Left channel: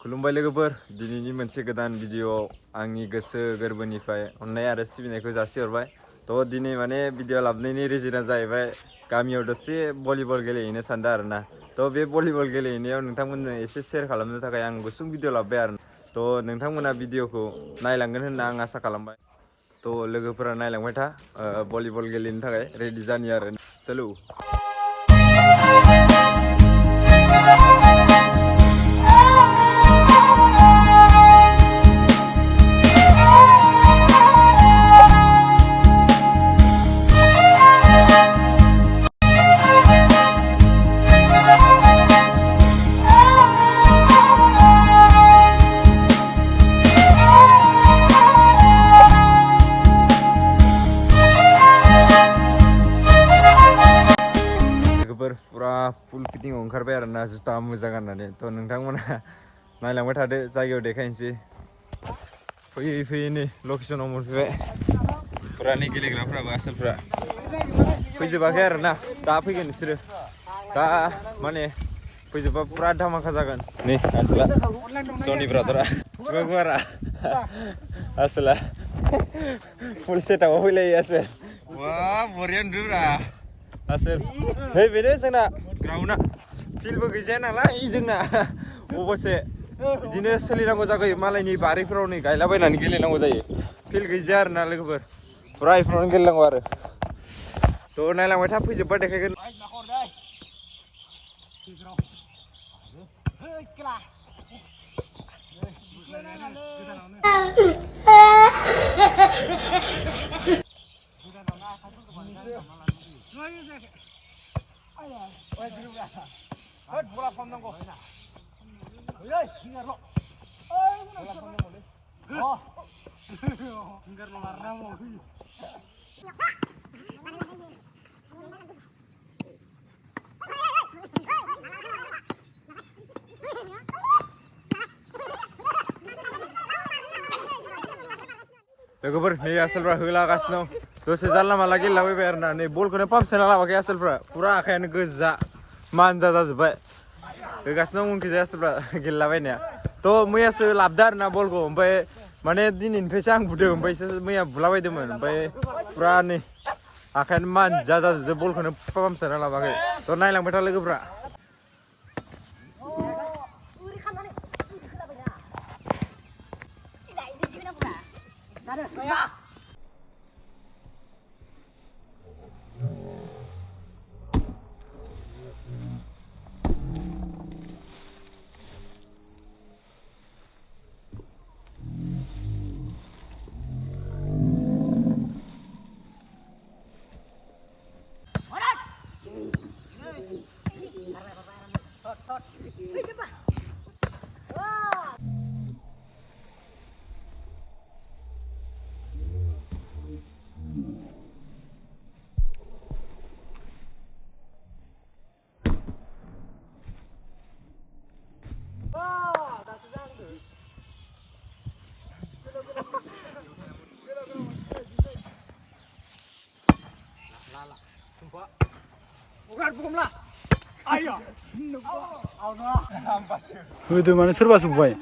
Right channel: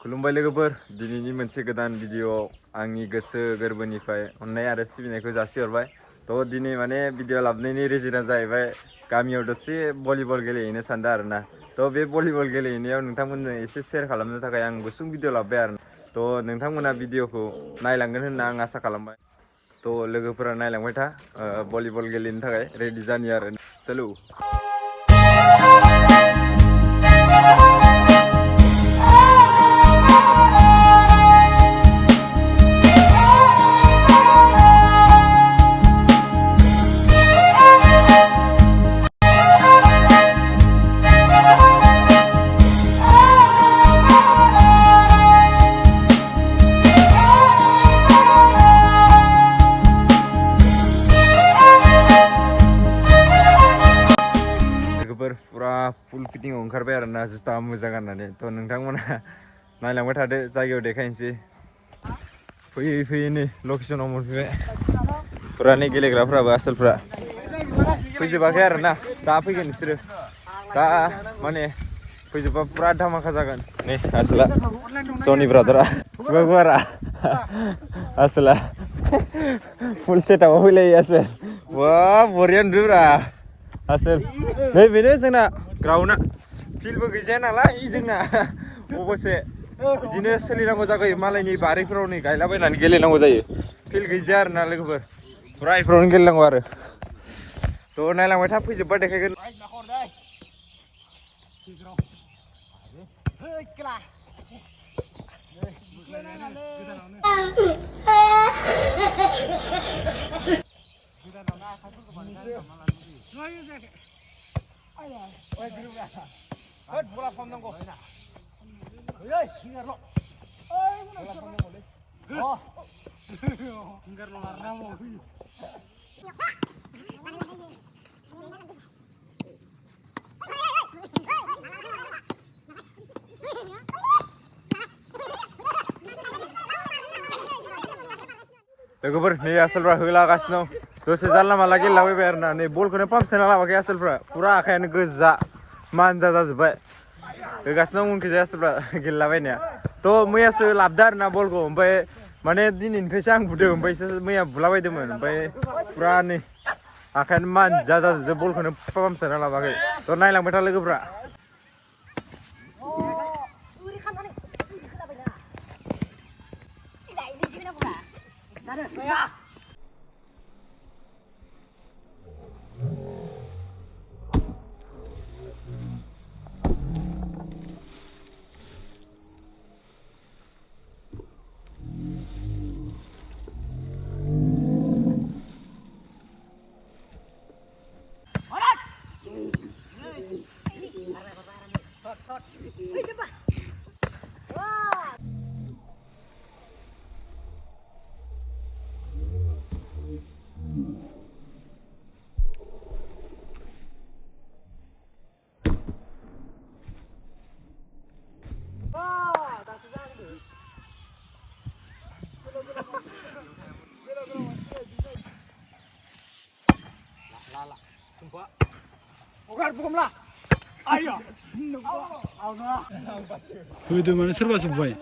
खुलुमबाय लोगोफोर दिनैनि मोनसे गोदान भिडिअ आंनि गोसो गोरबोनिफ्राय अननाय आरो सिबिनायखौ जासिहरबाय थ' दिनै माने भिडिअ लाबोनायनि रिजोना जाहैबाय गामियाव दसे भलिबल गेलेहैनो सानदों आरोना थ' बे भलिबल गेलेहैनायाव नोंथांमोननो एसे शेयार खालामनो थाखाय आं गुसुं भिडिअ लाबोबाय आरो थ' नोंथांमोना भिडिअखौ नायलांगोन होनना आं आसा खालामबाय थ' लोगोफोरा नायलांबाय था भलिबल गेलेनो थाखाय रेडि जानि आरो चलो पुरा फुल फिटिंग ओंखारबाय आरो ना जुथा मोजां गाननानै थ' नोंथांमोना नायलांबाय थादो जायगायाव देखायनोसै फैयै फैयै नै लकेसनाव मोनफैबाय पुरा नै गेलेग्राफ्राबो आसोलफ्रा फैजोबाखै आरो ना दा फैगोन बिसोरो दा माने फैजोबबा पुरा धामाका जागोन नै आसोला सनि ब्रादारा गुवारा आसोला फुल सेटआपआव फैलायो आसोल वा बरिया नुदोब्रा आसोल नै बेनो जोंना ग्राउन्डआ फिल्डबो गैजाया नालाय जोंना अबसे बिदिनो सोलिनांगौ जागोयो मालायनि बारिफोराव नै गायलाबायनानै गेलेनांगौ जायो फिल्ड गैजाया आरो ना लोगोफोर पुरा इफोरावनो गेलेनांगौ आरो थ' नायलांबाय था फैजोबबा देखायगोन लोगोफोर नै आसोलफ्रा होलागासिनो दसे जानला मानला गेलेलाबायबाय आरो ना नै बलखौनो पाम्पसोना लाबाखै आसोलफ्रा पुरा आखायानो गोजा मानजा जाजोब्बाय होगासिनो उनखैजाय आसोलफ्रा गेलेलाबायनाया थ' मैयासो लाबदो आरो ना बलखौ ओमफ्राय माने दिनैनिफ्रायसो आं बुदों ओमफ्रायसो मैया बुलाबायदोंमोन ओमफ्राय पुरा नै आखायानो मानजा जाजोबदो बलखौनो पाम्पसोना लाबाखै थ' नायलांबाय था लोगोफ्रा होदो माने सोरबासो बुबाय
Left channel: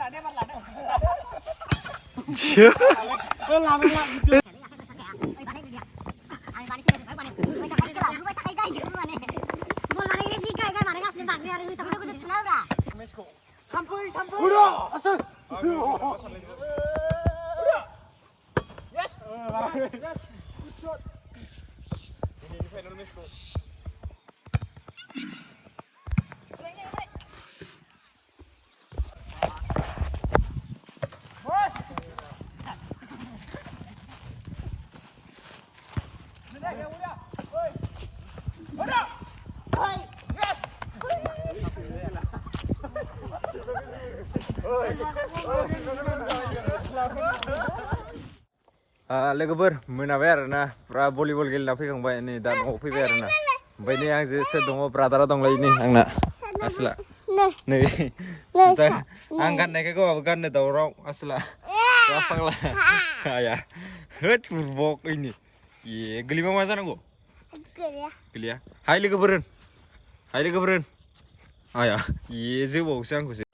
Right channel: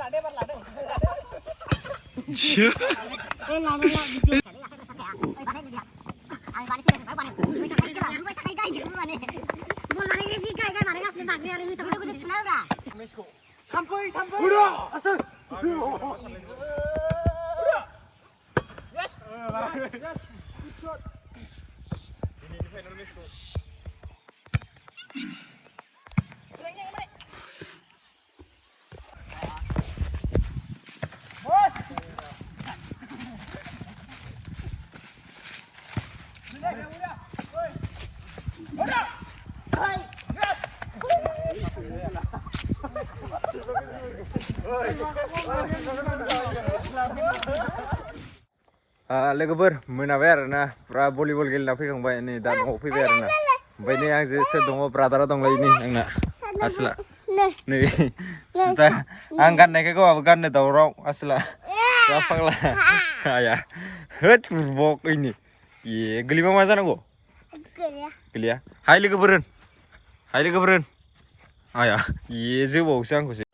लोगोफोर मोनाबाय आरोना पुरा भलिबल गेलेना फैखांबाय नै दा न'आव फैबाय आरोना ओमफ्राय नै आंजों सोर दङ ब्रादारा दंलाय नै आंना आसोला नै दा आं गाननायखाय गावहाबो गाननो दावराव आसोला फाग्ला आया होद बुरबक ini ये गोलैबा मा जानांगौ गोलैया हाय लोगोफोर होन आया ये जोबावसो आंखौसो